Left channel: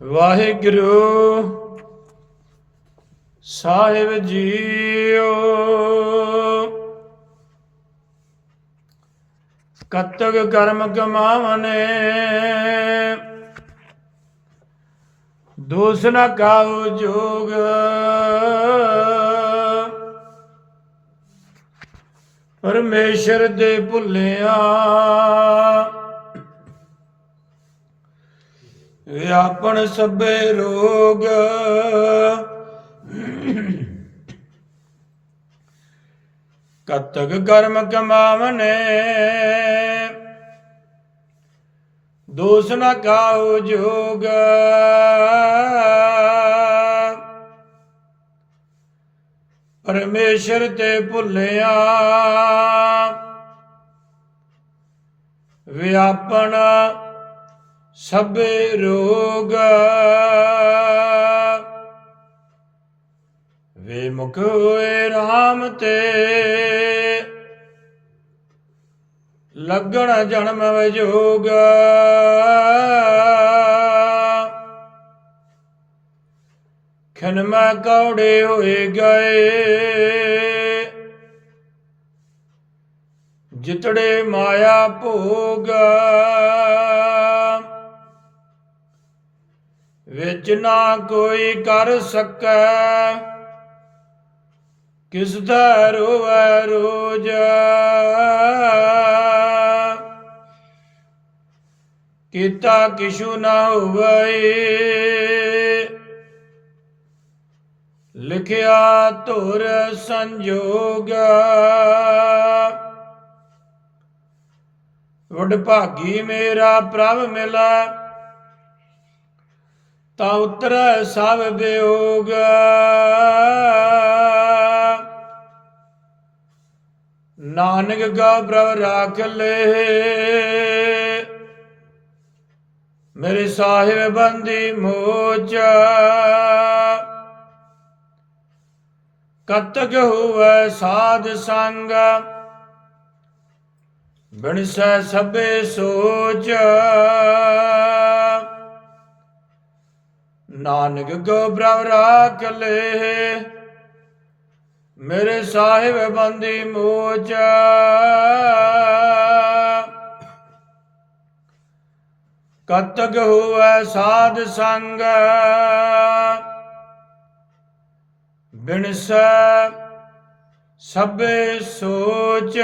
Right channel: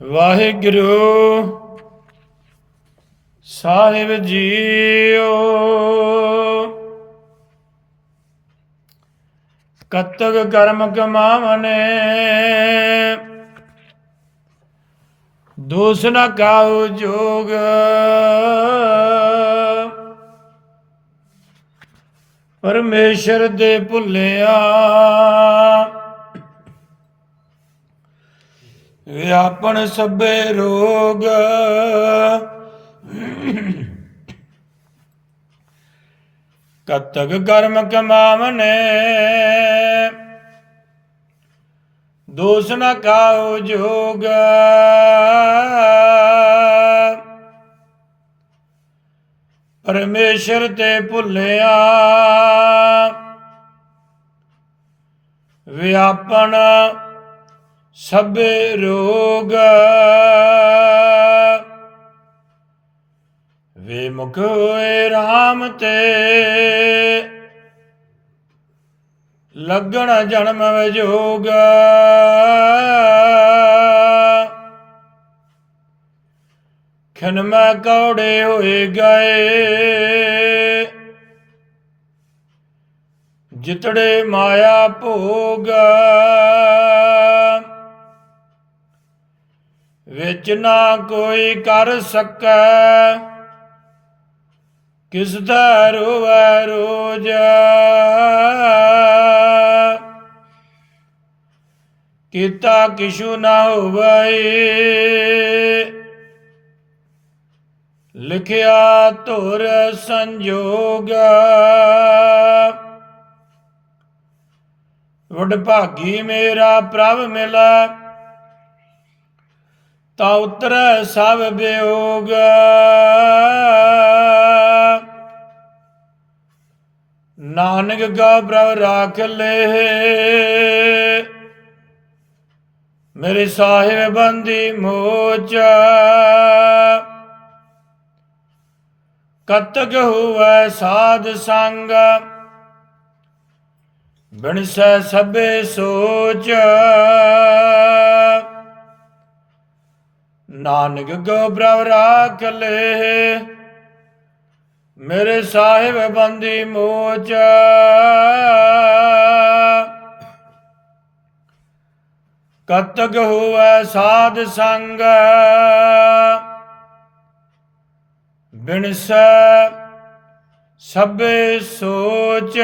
ਵਾਹਿਗੁਰੂ ਸਾਹਿਬ JIO. ਕਤਕ ਕਰਮ ਕਮਾਵਨੇ ਦੋਸ ਨ cow ਜੋਗ। ਪਰਮੇਸ਼ਰ ਦੇ ਭੁੱਲਿਆ ਵਿਆਪਣ ਸਭੇ ਰੋਗ। ਕਤਕ ਕਰਮ ਕਮਾਵਨੇ। ਦੋਸ ਨ ਕਾਉ ਜੋਗ। ਪਰਮੇਸ਼ਰ ਤੇ ਭੁੱਲਿਆ। ਵਿਆਪਣ ਸਭੇ ਰੋਗ ਵੇ ਮੁਖ ਹੋਏ RAM ਤੇ। ਲੱਗਣ ਜਨਮ ਵਿਜੋਗ ਖਨਮਾ ਕੌੜੇ ਹੋਏ ਗਏ। ਜਿਤੜੇ ਮਾਇਆ ਭੋਗ ਵਿੱਚ ਨਾ ਕੋਈ ਕਰ ਸਕੈ। ਕਿਸ ਦਾ ਰੋਵੈ ਰੋਜ। ਕੀਤਾ ਕਿਛੂ ਨਾ ਹੋਵੇ। ਲਿਖਿਆ ਧੁਰ ਸੰਜੋਗ। ਵਡ ਭਾਗੀ ਮੇਰਾ ਪ੍ਰਭ ਮਿਲੈ। ਤਾ ਉਤਰੈ ਸਭ ਬਿਯੋਗ ਨਾਨਕ ਗਾ ਪ੍ਰਭ ਰਾਖ ਲੈ। ਮੇਰੇ ਸਾਹਿਬ ਬੰਦੀ ਮੋਚ। ਕਤਕ ਹੋਵੇ ਸਾਧ ਸੰਗ। ਬਿਨਸੈ ਸਭੇ ਸੋਚ। ਨਾਨਕ ਗੋ ਪ੍ਰਭ ਰਾਖ ਲੈ। ਮੇਰੇ ਸਾਹਿਬ ਬੰਦੀ ਮੋਚ। ਕਤਕ ਹੋਵੇ ਸਾਧ ਸੰਗ। ਬਿਨਸੈ ਸਭੇ ਸੋਚ।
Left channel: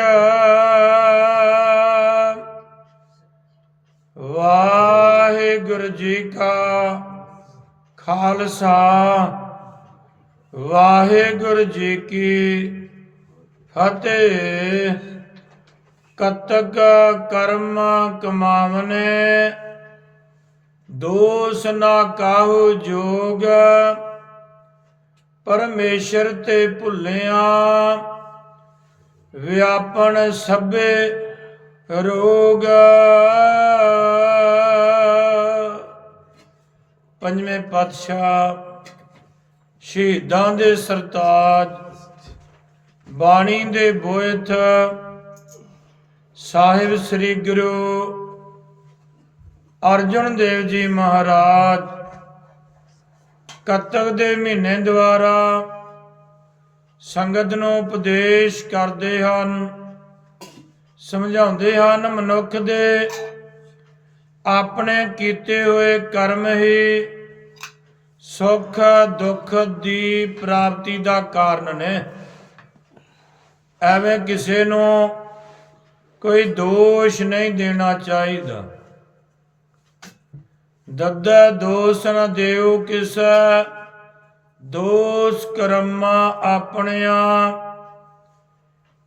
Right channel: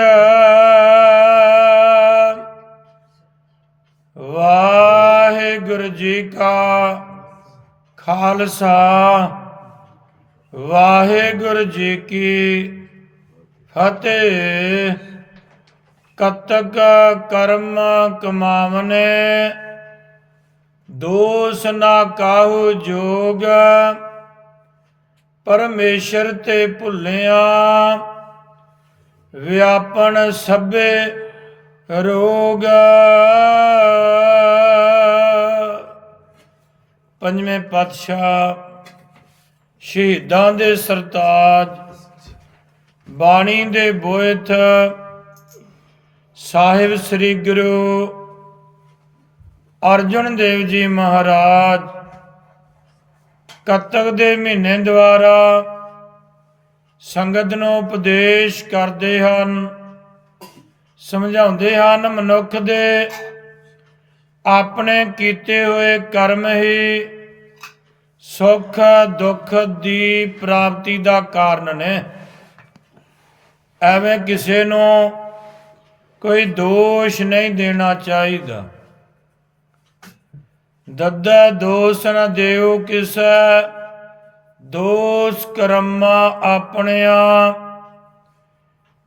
ਵਾਹਿਗੁਰੂ ਜੀ ਕਾ ਖਾਲਸਾ। ਵਾਹਿਗੁਰੂ ਜੀ ਕੀ ਫਤਿਹ। ਕਤਕ ਕਰਮ ਕਮਾਵਨੇ, ਦੋਸ ਨਾ ਕਾਹੂ ਜੋਗ। ਪਰਮੇਸ਼ਰ ਤੇ ਭੁੱਲਿਆ, ਵਿਆਪਨ ਸਭੇ ਰੋਗ। ਪੰਜਵੇਂ ਪਾਤਸ਼ਾਹ ਸ਼ਹੀਦਾਂ ਦੇ ਸਰਤਾਜ, ਬਾਣੀ ਦੇ ਬੋਇਥ ਸਾਹਿਬ ਸ੍ਰੀ ਗੁਰੂ ਅਰਜਨ ਦੇਵ ਜੀ ਮਹਾਰਾਜ, ਕੱਤਕ ਦੇ ਮਹੀਨੇ ਦੁਆਰਾ ਸੰਗਤ ਨੂੰ ਉਪਦੇਸ਼ ਕਰਦੇ ਹਨ, ਸਮਝਾਉਂਦੇ ਹਨ ਮਨੁੱਖ ਦੇ ਆਪਣੇ ਕੀਤੇ ਹੋਏ ਕਰਮ ਹੀ ਸੁੱਖ ਦੁੱਖ ਦੀ ਪ੍ਰਾਪਤੀ ਦਾ ਕਾਰਨ ਨੇ। ਐਵੇਂ ਕਿਸੇ ਨੂੰ ਕੋਈ ਦੋਸ਼ ਨਹੀਂ ਦੇਣਾ ਚਾਹੀਦਾ। ਦੱਦਾ ਦੋਸ ਨ ਦੇਉ ਕਿਸ, ਦੋਸ ਕਰਮਾ ਆਪਣਿਆ।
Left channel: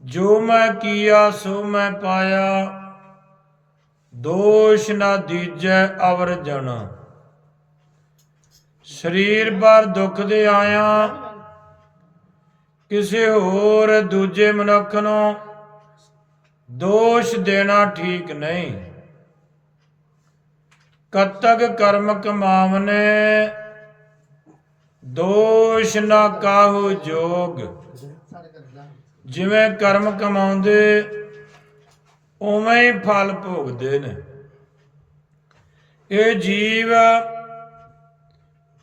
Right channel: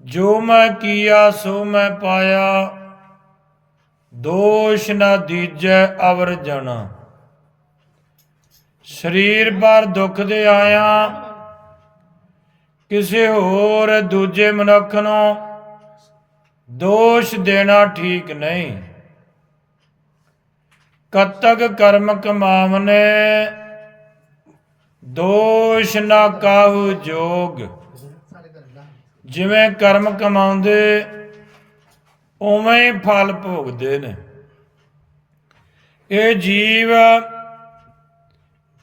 ਜੋ ਮੈਂ ਕੀਆ, ਸੋ ਮੈਂ ਪਾਇਆ। ਦੋਸ਼ ਨਾ ਦੀਜੈ ਅਵਰ ਜਨ। ਸਰੀਰ ਪਰ ਦੁੱਖ ਦੇ ਆਇਆ, ਕਿਸੇ ਹੋਰ ਦੂਜੇ ਮਨੁੱਖ ਨੂੰ ਦੋਸ਼ ਦੇਣਾ ਠੀਕ ਨਹੀਂ। ਕਤਕ ਕਰਮ ਕਮਾਵਨੇ, ਦੋਸ਼ ਨਾ ਕਾਹੂ ਜੋਗ। ਜਿਵੇਂ ਕਰਮ ਕਮਾਉਂਦੇ ਉਵੇਂ ਹੀ ਫਲ ਭੋਗਦੇ ਨੇ। ਇਹ ਜੀਵ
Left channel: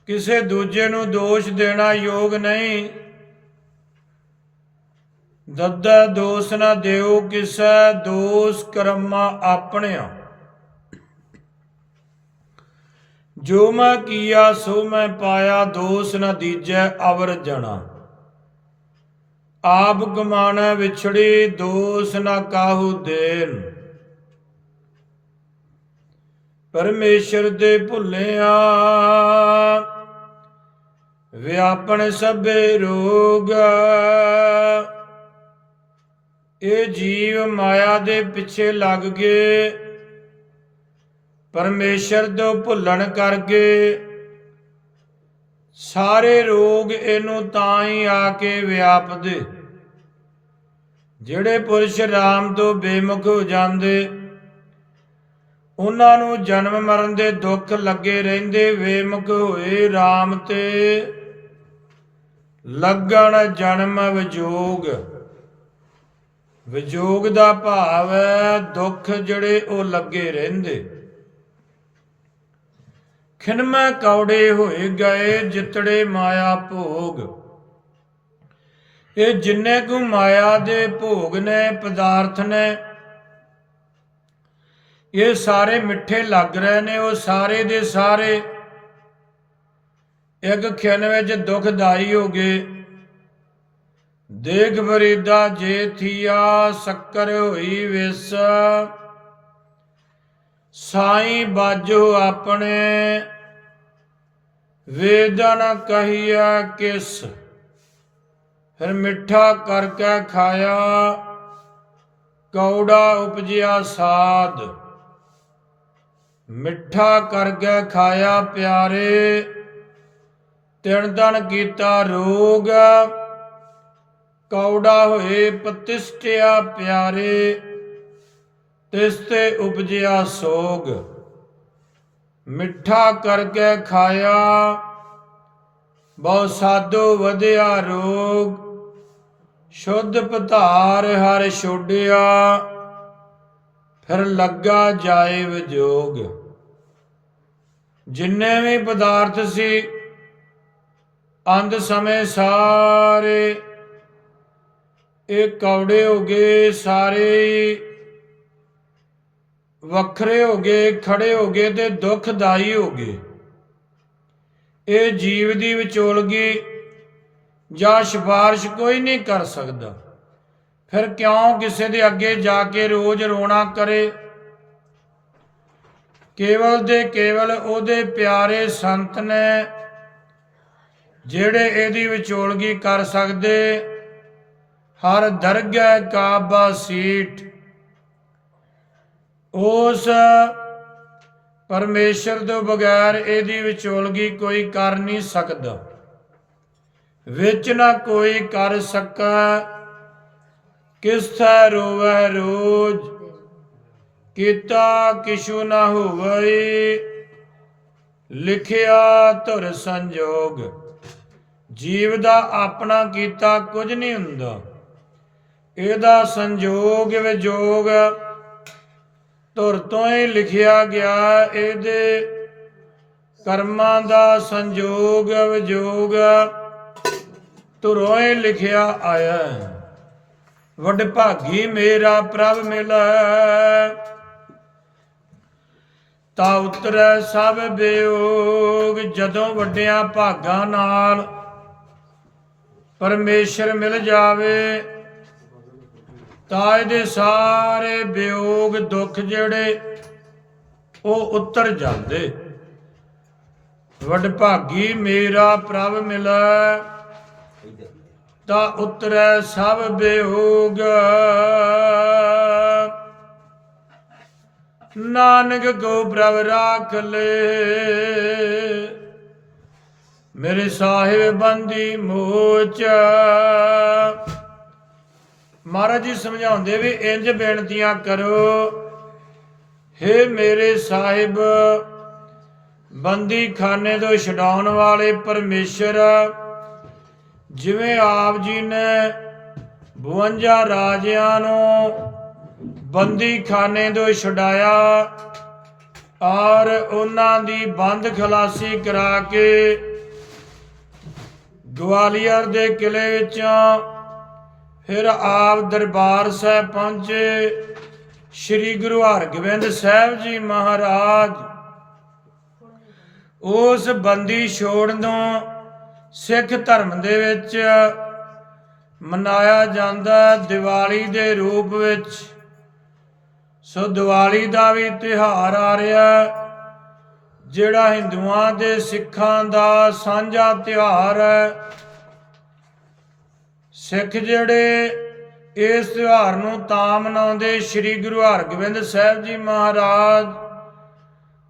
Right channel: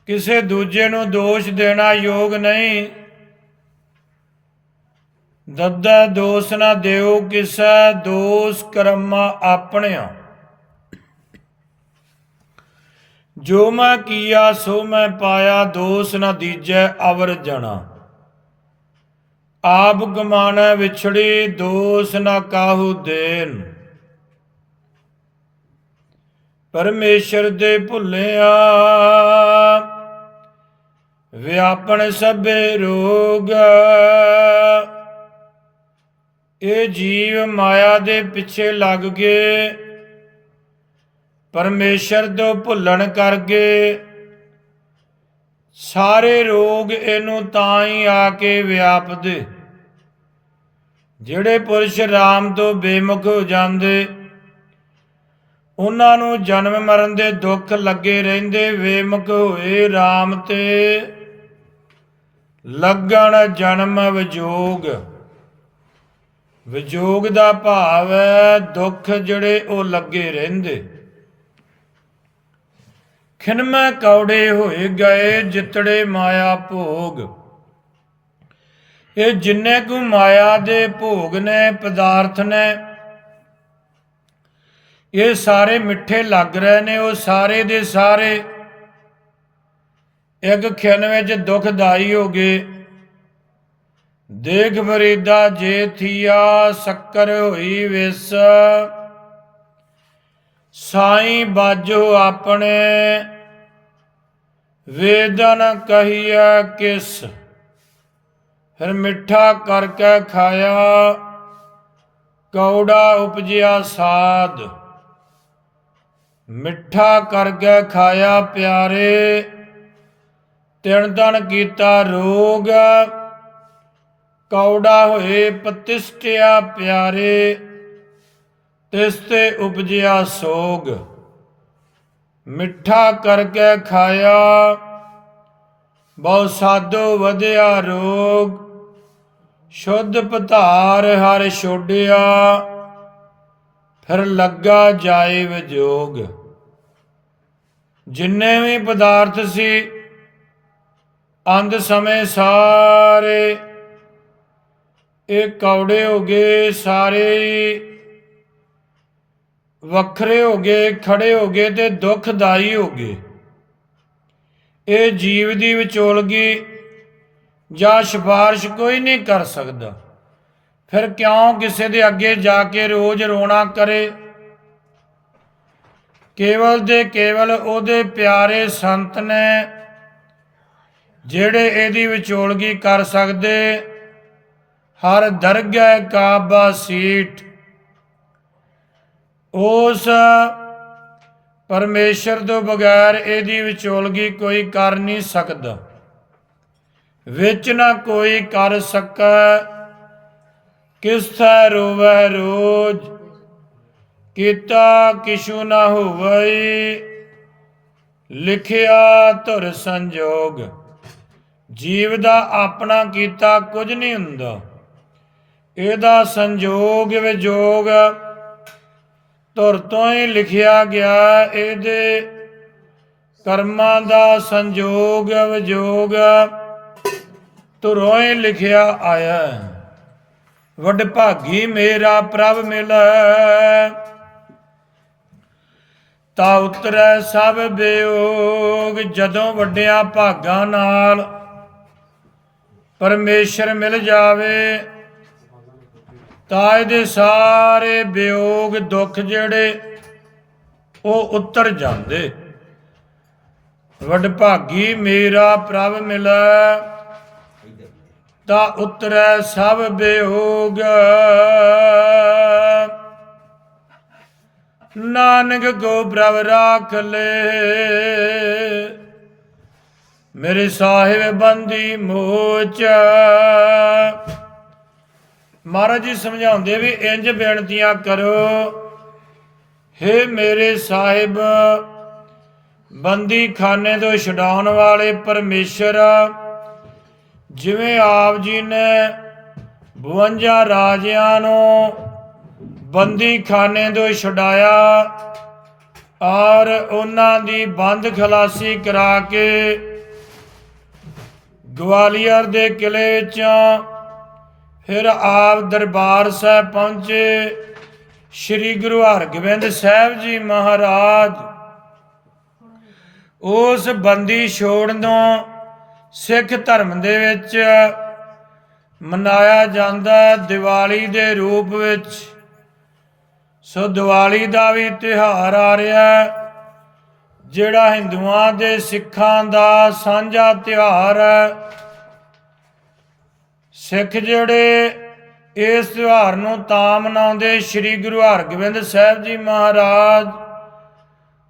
ਕਿਸੇ ਦੂਜੇ ਨੂੰ ਦੋਸ਼ ਦੇਣਾ ਯੋਗ ਨਹੀਂ। ਦੱਦਾ ਦੋਸ ਨਾ ਦਿਓ ਕਿਸੈ ਦੋਸ ਕਰਮਾ ਆਪਣਿਆ। ਜੋ ਮੈਂ ਕੀਆ, ਸੋ ਮੈਂ ਪਾਇਆ, ਦੋਸ ਨਾ ਦੀਜੈ ਅਵਰ ਜਣਾ। ਆਪ ਗਮਾਣਾ ਵਿਛੜੀ, ਦੋਸ ਨਾ ਕਾਹੂ ਦੇਨ। ਪਰਮੇਸ਼ਰ ਦੇ ਭੁੱਲਿਆ, ਵਿਆਪਣ ਸਭੇ ਰੋਗ ਇਹ ਜੀਵ ਮਾਇਆ ਦੇ ਪਿੱਛੇ ਲੱਗ ਗਏ। ਪਰਮੇਸ਼ਰ ਤੋਂ ਭੁੱਲਣ ਕਰ ਗਏ ਸਾਰੇ ਰੋਗ ਇਹਨੂੰ ਤਾਂ ਹੀ ਆ ਕੇ ਵਿਆਪਦੇ। ਜਿਹੜੇ ਪੁਰਸ਼ ਰਾਮ ਤੋਂ ਬੇਮੁਖ ਹੋ ਜਾਂਦੇ, ਉਹਨਾਂ ਨੂੰ ਜਨਮ ਮਰਨ ਦੇ ਦੁੱਖ ਲੱਗੇ ਰਹਿੰਦੇ, ਬੇਮੁਖ ਹੋਏ ਰਾਮ ਤੇ। ਲੱਗਣ ਜਨਮ ਵਿਜੋਗ। ਵਿਜੋਗ ਦਾ ਭਾਵ ਹੈ ਦੁੱਖ ਜਿਹੜੇ ਉਹ ਲੱਗੇ ਰਹਿੰਦੇ। ਖਿਨਮਾ ਕੌੜੇ ਹੋਏ ਗਏ, ਜਿਤੜੇ ਮਾਇਆ ਭੋਗ। ਇਹ ਜਿੰਨੇ ਕੁ ਮਾਇਆ ਦੇ ਭੋਗ ਨੇ, ਪਦਾਰਥ ਨੇ, ਇਹ ਸਾਰੇ ਮਿੱਠੇ ਲੱਗ ਰਹੇ ਨੇ, ਉਹ ਸਾਰੇ ਦੇ ਸਾਰੇ ਇੱਕ ਖਿਨ ਵਿੱਚ ਦੁਖਦਾਈ ਹੋ ਗਏ। ਦੇਖ ਫਰੀਦਾ ਜੇ ਥੀਆ, ਸ਼ੱਕਰ ਹੋਈ ਵਿਸ। ਸਾਈ ਬਾਜੋ ਆਪਣੇ, ਵੇਦਨ ਕਹੀਆ ਕਿਸ। ਫਿਰ ਮਿੱਠਾ ਕਰਕੇ ਖਾਇਆ, ਕੌੜਾ ਉਪਜਿਆ ਸਾਧ। ਮਿੱਠਾ ਕਰਕੇ ਖਾਇਆ ਪਿਆਰੇ ਤਿਣ ਦਣ ਕੀਤਾ ਰੋਗ, ਕੌੜਾ ਹੋਏ ਪਤਿਸ਼ਟਿਆ ਪਿਆਰੇ ਤਿਸ ਤੇ ਉਪਜਿਆ ਸੋਗ। ਮਿੱਠਾ ਕਰਕੇ ਖਾਇਆ, ਬਹੁ ਸਾਧੋ ਵਧਿਆ ਰੋਗ। ਸ਼ੁੱਧ ਪਧਾਰ ਹਰ ਛੋਡਿਆ, ਫਿਰ ਲੱਗਾ ਜਾਏ ਵਿਜੋਗ। ਜਿੰਨੇ ਵੀ ਪਦਾਰਥ ਸੀ ਅੰਤ ਸਮੇਂ ਸਾਰੇ, ਇਹ ਕੌੜੇ ਹੋ ਗਏ ਸਾਰੇ ਵੱਖਰੇ ਹੋ ਗਏ, ਖੜੇ ਹੋ ਗਏ ਤੇ ਦੁਖਦਾਈ ਹੋ ਗਏ। ਇਹ ਜੀਵ ਦੀ ਵਿਚੋਲਗੀ ਜਾਂ ਸਿਫਾਰਿਸ਼ ਕੋਈ ਨਹੀਂ ਕਰ ਸਕਦਾ। ਫਿਰ ਕਿਉਂ ਕਿਸੇ ਦੇ ਅੱਗੇ ਜਾ ਕੇ ਰੋਜ਼ ਰੋਣਾ ਕਰੇ? ਕੇਵਲ ਦੇ ਕੇਵਲ ਉਹਦੇ ਪਿਆਰੇ ਸੰਤ ਨੇ ਜਿਹੜੇ ਇਹਦੀ ਵਿਚੋਲਗੀ ਕਰ ਸਕਦੇ। ਹਰ ਦਰਗਾਹ ਕਾਬਾ ਸੀਟ। ਉਸ ਪਰਮੇਸ਼ਰ ਤੋਂ ਬਗੈਰ ਇਹਦੀ ਵਿਚੋਲਗੀ ਕੋਈ ਕਰ ਨਹੀਂ ਸਕਦਾ। ਵਿੱਚ ਨਾ ਕੋਈ ਕਰ ਸਕੈ ਕਿਸ ਥੈ ਰੋਵੈ ਰੋਜ, ਕੀਤਾ ਕਿਛੂ ਨਾ ਹੋਵਈ ਲਿਖਿਆ ਧੁਰ ਸੰਜੋਗ, ਜੀਵ ਦਾ ਆਪਣਾ ਕੀਤਾ ਕੁਝ ਨਹੀਂ ਹੁੰਦਾ। ਇਹਦਾ ਸੰਜੋਗ ਵਿਜੋਗ, ਧੁਰ ਤੋਂ ਹੀ ਲਿਖਿਆ ਗਿਆ ਇਹਦੇ ਕਰਮਾਂ ਦਾ ਸੰਜੋਗ ਵਿਜੋਗ। ਧੁਰੋਂ ਲਿਖਿਆ ਆਇਆ, ਵੱਡ ਭਾਗੀ ਮੇਰਾ ਪ੍ਰਭ ਮਿਲੈ। ਤਾ ਉਤਰੈ ਸਭ ਬਿਯੋਗ ਜਦੋਂ ਵੱਡਿਆਂ ਭਾਗਾਂ ਨਾਲ ਪਰਮੇਸ਼ਰ ਮਿਲ ਜਾਵੇ, ਤਾਂ ਇਹਦੇ ਸਾਰੇ ਵਿਯੋਗ ਦੁੱਖ ਜਿਹੜੇ ਉਹ ਉਤਰ ਜਾਂਦੇ। ਵੱਡ ਭਾਗੀ ਮੇਰਾ ਪ੍ਰਭ ਮਿਲੈ। ਤਾ ਉਤਰੈ ਸਭ ਬਿਯੋਗ ਨਾਨਕ ਕੋ ਪ੍ਰਭ ਰਾਖ ਲੈ। ਮੇਰੇ ਸਾਹਿਬ ਬੰਦੀ ਮੋਚ। ਮਹਾਰਾਜ ਜੀ ਸਮਝਾਉਂਦੇ ਵੀ ਇੰਜ ਬੇਨਤੀਆਂ ਕਰੋ, ਹੇ ਮੇਰੇ ਸਾਹਿਬ, ਬੰਦੀ ਖਾਨੇ ਤੋਂ ਛਡਾਉਣ ਵਾਲੇ ਪਰਮੇਸ਼ਰ ਜਿਵੇਂ ਆਪ ਜੀ ਨੇ 52 ਰਾਜਿਆਂ ਨੂੰ ਬੰਦੀਖਾਨੇ ਤੋਂ ਛੁਡਾਇਆ, ਔਰ ਉਹਨਾਂ ਦੀ ਬੰਦ ਖਲਾਸੀ ਕਰਾ ਕੇ ਗਵਾਲੀਅਰ ਦੇ ਕਿਲੇ ਵਿੱਚ ਫਿਰ ਆਪ ਦਰਬਾਰ ਸਾਹਿਬ ਪਹੁੰਚੇ। ਸ੍ਰੀ ਗੁਰੂ ਹਰਗੋਬਿੰਦ ਸਾਹਿਬ ਜੀ ਮਹਾਰਾਜ ਉਸ ਬੰਦੀ ਛੋੜਨੋਂ ਸਿੱਖ ਧਰਮ ਦੇ ਵਿੱਚ ਮਨਾਇਆ ਜਾਂਦਾ ਦੀਵਾਲੀ ਦੇ ਰੂਪ ਵਿੱਚ। ਸੋ ਦੀਵਾਲੀ ਦਾ ਵੀ ਤਿਉਹਾਰ ਆ ਰਿਹਾ ਜਿਹੜਾ ਹਿੰਦੂਆਂ ਦੇ ਸਿੱਖਾਂ ਦਾ ਸਾਂਝਾ ਤਿਉਹਾਰ ਹੈ। ਸਿੱਖ ਜਿਹੜੇ ਇਸ ਤਿਉਹਾਰ ਨੂੰ ਤਾਂ ਮਨਾਉਂਦੇ ਸ੍ਰੀ ਗੁਰੂ ਹਰਗੋਬਿੰਦ ਸਾਹਿਬ ਜੀ ਮਹਾਰਾਜ,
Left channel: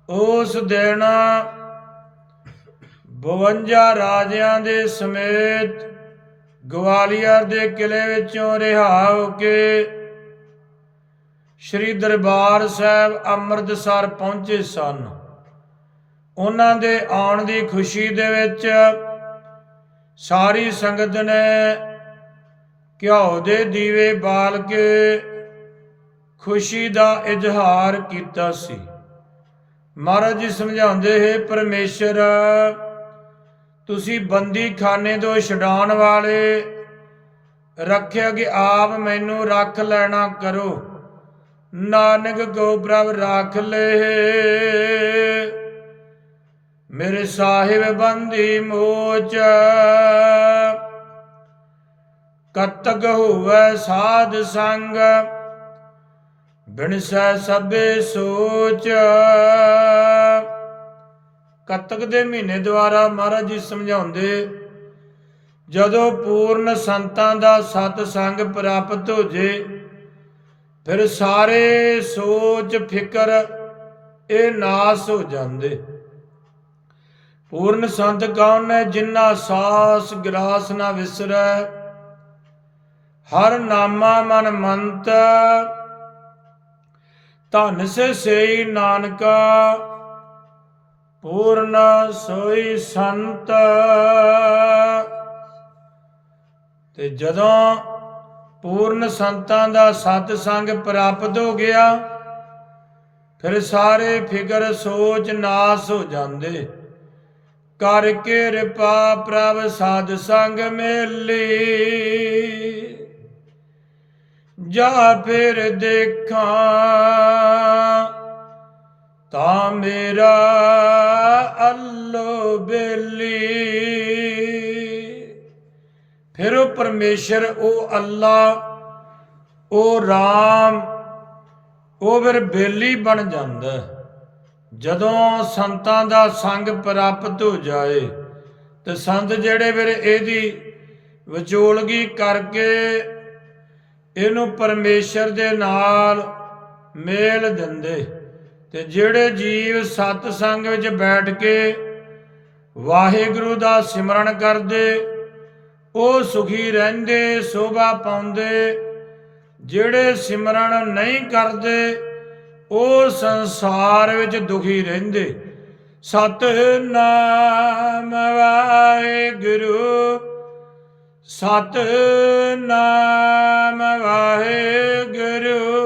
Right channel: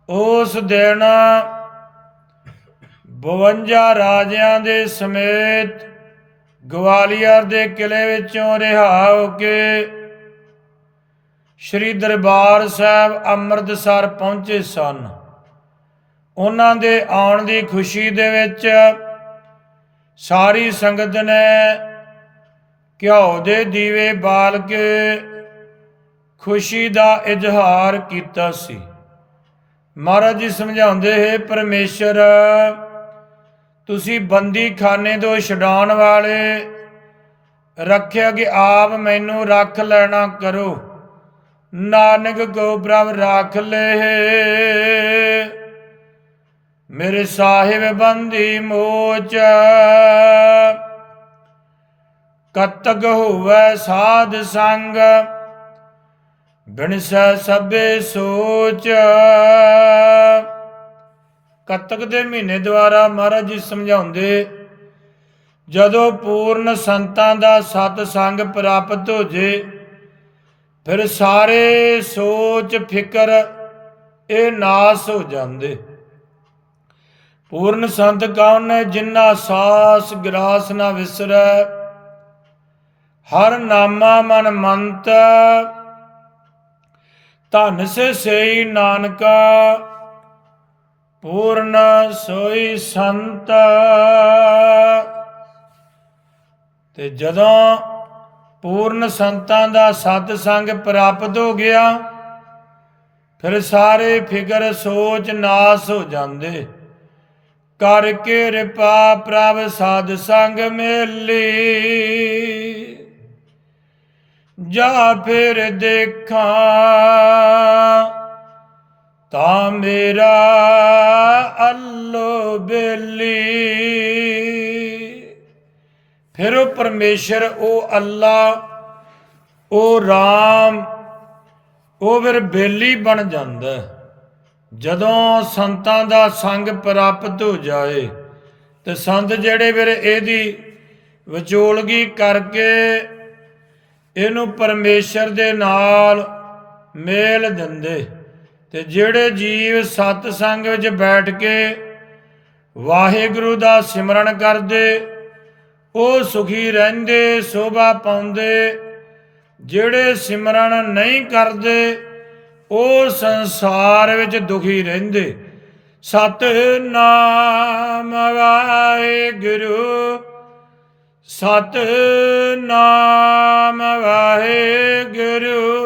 ਉਸ ਦਿਨ 52 ਰਾਜਿਆਂ ਦੇ ਸਮੇਤ ਗਵਾਲੀਅਰ ਦੇ ਕਿਲੇ ਵਿੱਚੋਂ ਰਿਹਾ ਹੋ ਕੇ ਸ੍ਰੀ ਦਰਬਾਰ ਸਾਹਿਬ ਅੰਮ੍ਰਿਤਸਰ ਪਹੁੰਚੇ ਸਨ। ਉਹਨਾਂ ਦੇ ਆਉਣ ਦੀ ਖੁਸ਼ੀ ਦੇ ਵਿੱਚ ਸਾਰੀ ਸੰਗਤ ਨੇ ਘਿਓ ਦੇ ਦੀਵੇ ਬਾਲ ਕੇ ਖੁਸ਼ੀ ਦਾ ਇਜ਼ਹਾਰ ਕੀਤਾ ਸੀ। ਮਹਾਰਾਜ ਜੀ ਸਮਝਾਉਂਦੇ, ਹੈ ਪਰਮੇਸ਼ਰ ਤੁਸੀਂ ਬੰਦੀ ਖਾਨੇ ਤੋਂ ਛਡਾਉਣ ਵਾਲੇ ਰੱਖਿਆ ਕਿ ਆਪ ਮੈਨੂੰ ਰੱਖ ਲੈਣਾ ਕਰੋ। ਨਾਨਕ ਕੋ ਪ੍ਰਭ ਰੱਖ ਲੈ। ਮੇਰੇ ਸਾਹਿਬ ਬੰਦੀ ਮੋਚ। ਕਤਕ ਹੋਵੇ ਸਾਧ ਸੰਗ, ਬਿਨਸੈ ਸਭੇ ਸੋਚ। ਕੱਤਕ ਦੇ ਮਹੀਨੇ ਦੁਆਰਾ ਮਹਾਰਾਜ ਜੀ ਸਮਝਾਉਂਦੇ, ਜਦੋਂ ਪੂਰਨ ਸੰਤਾਂ ਦਾ ਸਤ ਸੰਗ ਪ੍ਰਾਪਤ ਹੋ ਜੇ, ਫਿਰ ਸਾਰੇ ਸੋਚ, ਫਿਕਰ ਇਹ ਨਾਸ ਹੋ ਜਾਂਦੇ। ਪੂਰਨ ਸੰਤ ਕੌਣ ਹੈ ਜਿਨ੍ਹਾਂ ਸਾਸ ਗਰਾਸ ਨਾ ਵਿਸਰੈ? ਹਰ ਨਾਮਾ ਮਨ ਮੰਤ, ਧਨ ਸੇ ਸਈ ਨਾਨਕਾ। ਪੂਰਨ ਸੋਈ ਸੰਤ। ਤੇ ਜਦੋਂ ਪੂਰਨ ਸੰਤਾਂ ਦਾ ਸਤ ਸੰਗ ਪ੍ਰਾਪਤ ਹੋ ਗਿਆ, ਫਿਰ ਸਾਰੇ ਫਿਕਰ, ਸੋਚ, ਨਾਸ ਹੋ ਜਾਂਦੇ। ਕਰਕੇ ਕਿਰਪਾ ਪ੍ਰਭ ਸਾਧ ਸੰਗ ਮੇਲੀ। ਜਾ ਫਿਰ ਦੇਖਾਂ। ਤਾਂ ਮੇਰਾ ਅੱਲੋ ਬੇਲੀ। ਫਿਰ ਉਹ ਪਰਮੇਸ਼ਰ, ਉਹ ਅੱਲਾ, ਉਹ ਰਾਮ, ਉਹ ਫਿਰ ਬੇਲੀ ਬਣ ਜਾਂਦਾ ਜਦੋਂ ਸੰਤਾਂ ਦਾ ਸੰਗ ਪ੍ਰਾਪਤ ਹੋ ਜਾਏ, ਤੇ ਸੰਤ ਜਿਹੜੇ ਫਿਰ ਇਹਦੀ ਵਿਚੋਲਗੀ ਕਰਕੇ ਇਹਨੂੰ ਪਰਮੇਸ਼ਰ ਦੇ ਨਾਲ ਮੇਲ ਦਿੰਦੇ। ਤੇ ਜਿਹੜੇ ਜੀਵ ਸਤ ਸੰਗ ਵਿੱਚ ਬੈਠ ਕੇ ਵਾਹਿਗੁਰੂ ਦਾ ਸਿਮਰਨ ਕਰਦੇ, ਉਹ ਸੁਖੀ ਰਹਿੰਦੇ, ਸੋਭਾ ਪਾਉਂਦੇ, ਜਿਹੜੇ ਸਿਮਰਨ ਨਹੀਂ ਕਰਦੇ, ਉਹ ਸੰਸਾਰ ਵਿੱਚ ਦੁਖੀ ਰਹਿੰਦੇ। ਸਤ ਨਾਮ ਵਾਹਿਗੁਰੂ ਸਤ ਨਾਮ ਵਾਹਿਗੁਰੂ।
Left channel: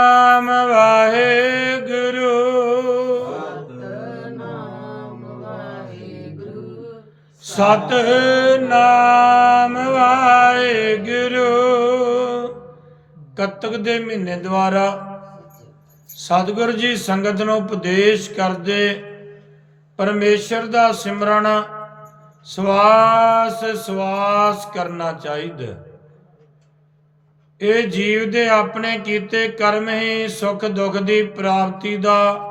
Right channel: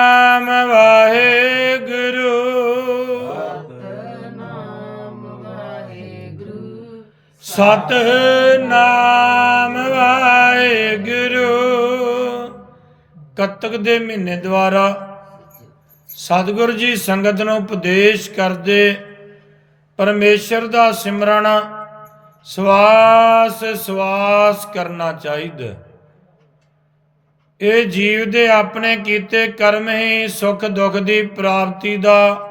ਵਾਹਿਗੁਰੂ ਵਾਹਿਗੁਰੂ। ਕੱਤਕ ਦੇ ਮਹੀਨੇ ਦੁਆਰਾ ਸਤਿਗੁਰੂ ਜੀ ਸੰਗਤ ਨੂੰ ਉਪਦੇਸ਼ ਕਰਦੇ ਪਰਮੇਸ਼ਰ ਦਾ ਸਿਮਰਨ, ਸਵਾਸ ਸਵਾਸ ਕਰਨਾ ਚਾਹੀਦਾ। ਇਹ ਜੀਵ ਦੇ ਆਪਣੇ ਕੀਤੇ ਕਰਮ ਹੀ ਸੁਖ ਦੁੱਖ ਦੀ ਪ੍ਰਾਪਤੀ ਦਾ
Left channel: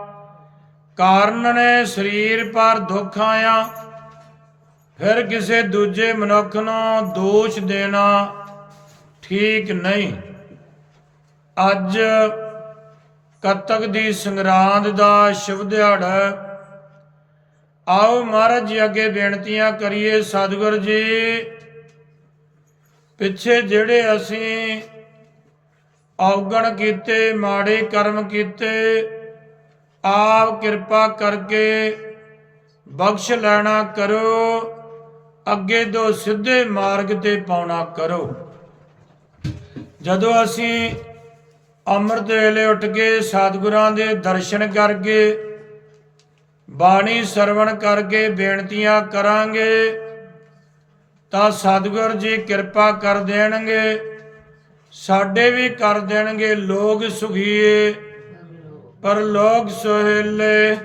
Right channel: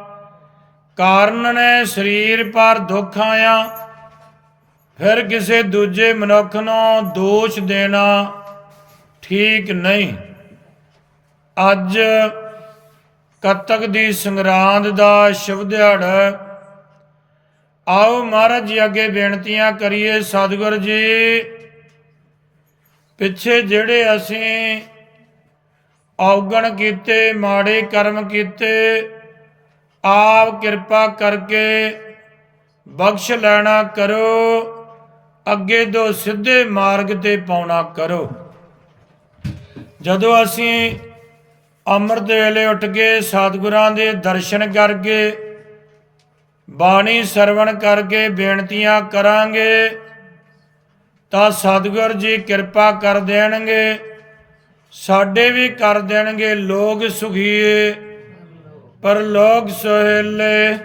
ਕਾਰਨ ਨੇ। ਸਰੀਰ ਪਰ ਦੁੱਖ ਆਇਆ ਫਿਰ ਕਿਸੇ ਦੂਜੇ ਮਨੁੱਖ ਨੂੰ ਦੋਸ਼ ਦੇਣਾ ਠੀਕ ਨਹੀਂ। ਅੱਜ ਕੱਤਕ ਦੀ ਸੰਗਰਾਂਦ ਦਾ ਸ਼ੁਭ ਦਿਹਾੜਾ ਆਓ ਮਹਾਰਾਜ ਜੀ ਅੱਗੇ ਬੇਨਤੀਆਂ ਕਰੀਏ, ਸਤਿਗੁਰ ਜੀ। ਪਿੱਛੇ ਜਿਹੜੇ ਅਸੀਂ ਔਗਣ ਕੀਤੇ, ਮਾੜੇ ਕਰਮ ਕੀਤੇ, ਆਪ ਕਿਰਪਾ ਕਰਕੇ ਬਖਸ਼ ਲੈਣਾ ਕਰੋ। ਅੱਗੇ ਤੋਂ ਸਿੱਧੇ ਮਾਰਗ ਤੇ ਪਾਉਣਾ ਕਰੋ। ਜਦੋਂ ਅਸੀਂ ਅੰਮ੍ਰਿਤ ਵੇਲੇ ਉੱਠ ਕੇ ਸਤਿਗੁਰਾਂ ਦੇ ਦਰਸ਼ਨ ਕਰਕੇ ਬਾਣੀ ਸਰਵਣ ਕਰਕੇ ਬੇਨਤੀਆਂ ਕਰਾਂਗੇ, ਤਾਂ ਸਤਿਗੁਰ ਜੀ ਕਿਰਪਾ ਕਰ ਦੇਣਗੇ, ਸਾਡੇ ਵੀ ਕਰ ਦੇਣਗੇ ਲੋਕ ਸੁਖੀਏ। ਪਰ ਲੋਕ ਸੋਹਿਲੇ,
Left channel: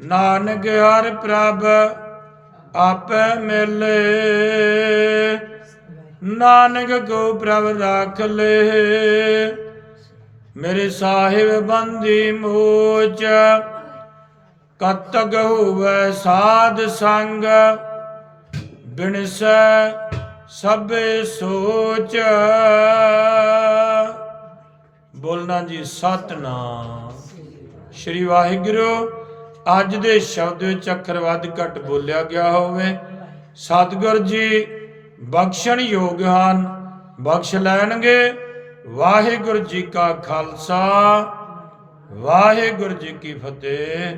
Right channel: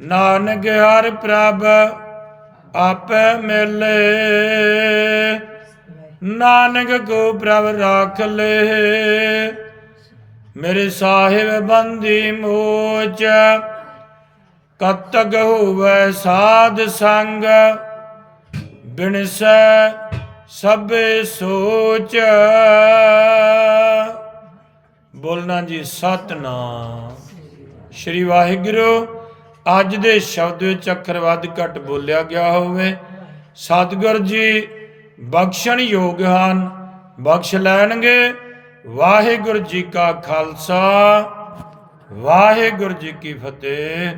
ਨਾਨਕ ਹਰ ਪ੍ਰਭ ਆਪੇ ਮਿਲੇ। ਨਾਨਕ ਕੋ ਪ੍ਰਭ ਰਾਖ ਲੇ। ਮੇਰੇ ਸਾਹਿਬ ਬੰਦੀ ਮੋਚ, ਕਤਕ ਹੋਵੇ ਸਾਧ ਸੰਗ। ਬਿਨਸੈ ਸਭੇ ਸੋਚ। ਬੋਲਣਾ ਜੀ ਸਤਨਾਮ। ਸ਼੍ਰੀ ਵਾਹਿਗੁਰੂ। ਅੱਜ ਦੇ ਸ਼ਬਦ ਵਿੱਚ ਅੱਖਰ ਵੱਧ ਘੱਟ ਬੋਲਿਆ ਗਿਆ ਹੋਵੇ। ਸਤਿਗੁਰ ਜੀ, ਬਖਸ਼ਣ ਯੋਗ ਹਨ, ਬਖਸ਼ ਲੈਣਗੇ। ਵਾਹਿਗੁਰੂ ਜੀ ਕਾ ਖਾਲਸਾ, ਵਾਹਿਗੁਰੂ ਜੀ ਕੀ ਫਤਿਹ।